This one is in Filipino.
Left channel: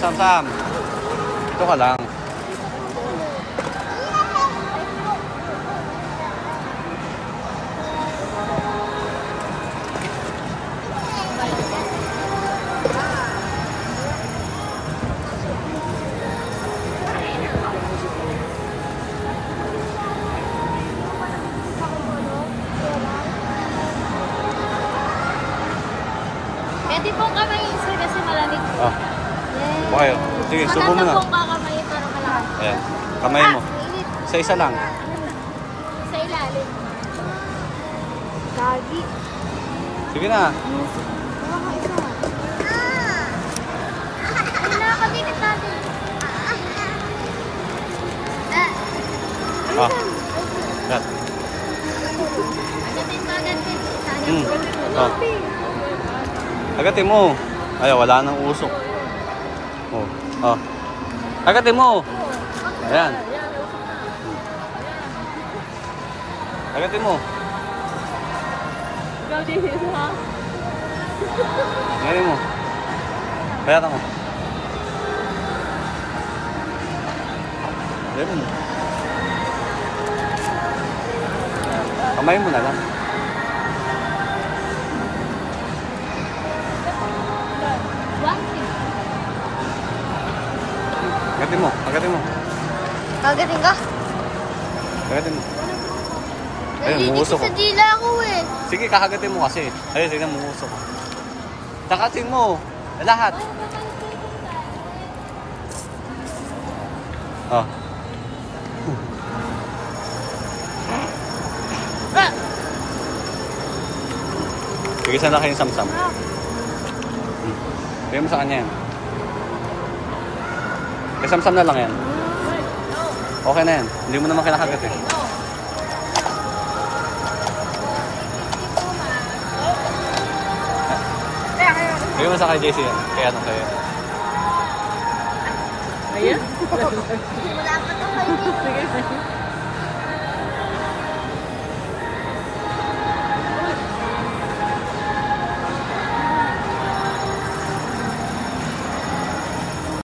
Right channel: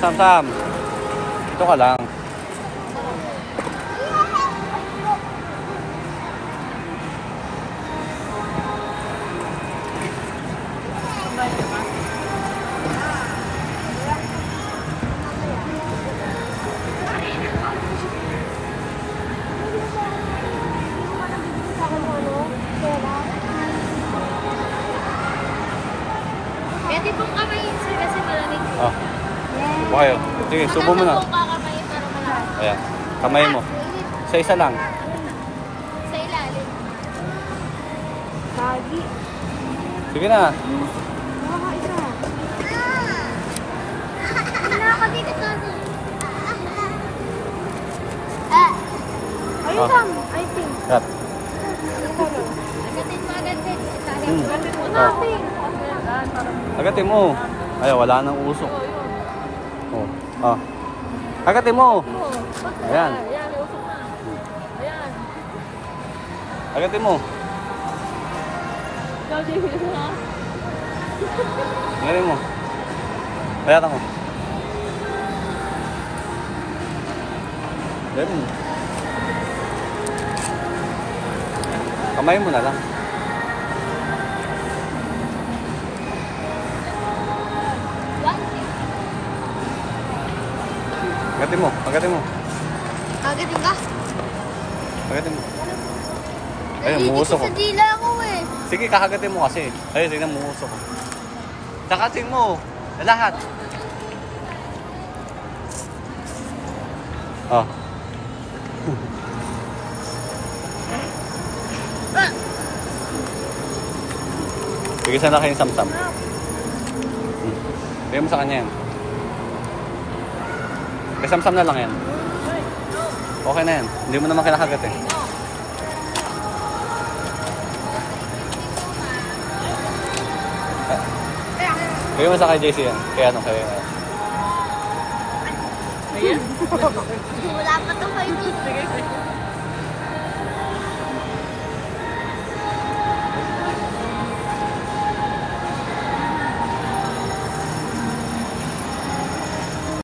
Sam-sam. Ito ka lang. Pwede pong kamay sir kasi malamig. Oh. Okay. Sige, subo mo na. Ayan. Kamay mo. Isa-isa lang. Sa ilalim. Kagi. Sige na. Ah. Kat. Oh. Agatin mo. Ay, wala nang usok. Oh. Oh. Agatin mo. Ayan. Agatin mo. Ngayon mo. Bayatan mo. Ganun. Kamay mo na lang. Agatin mo. Agatin mo. Kagatin ka? Agatin mo. Ayun, muusok ko. Hindi na ako eh. Sige, kakagatin mo kasi. Ayun, sige na, muusok ko. Kakasin mo. Lahat. Oh. Sige, sana kayong samsam. Bigyan mo sa kanya yan. Samsam na lang yan. Okay na yan. Hindi mo naman kinakagat eh. Bigyan mo sa kay JC yan. Kaya ano kayo. Ayun? Wala pa ito kayo.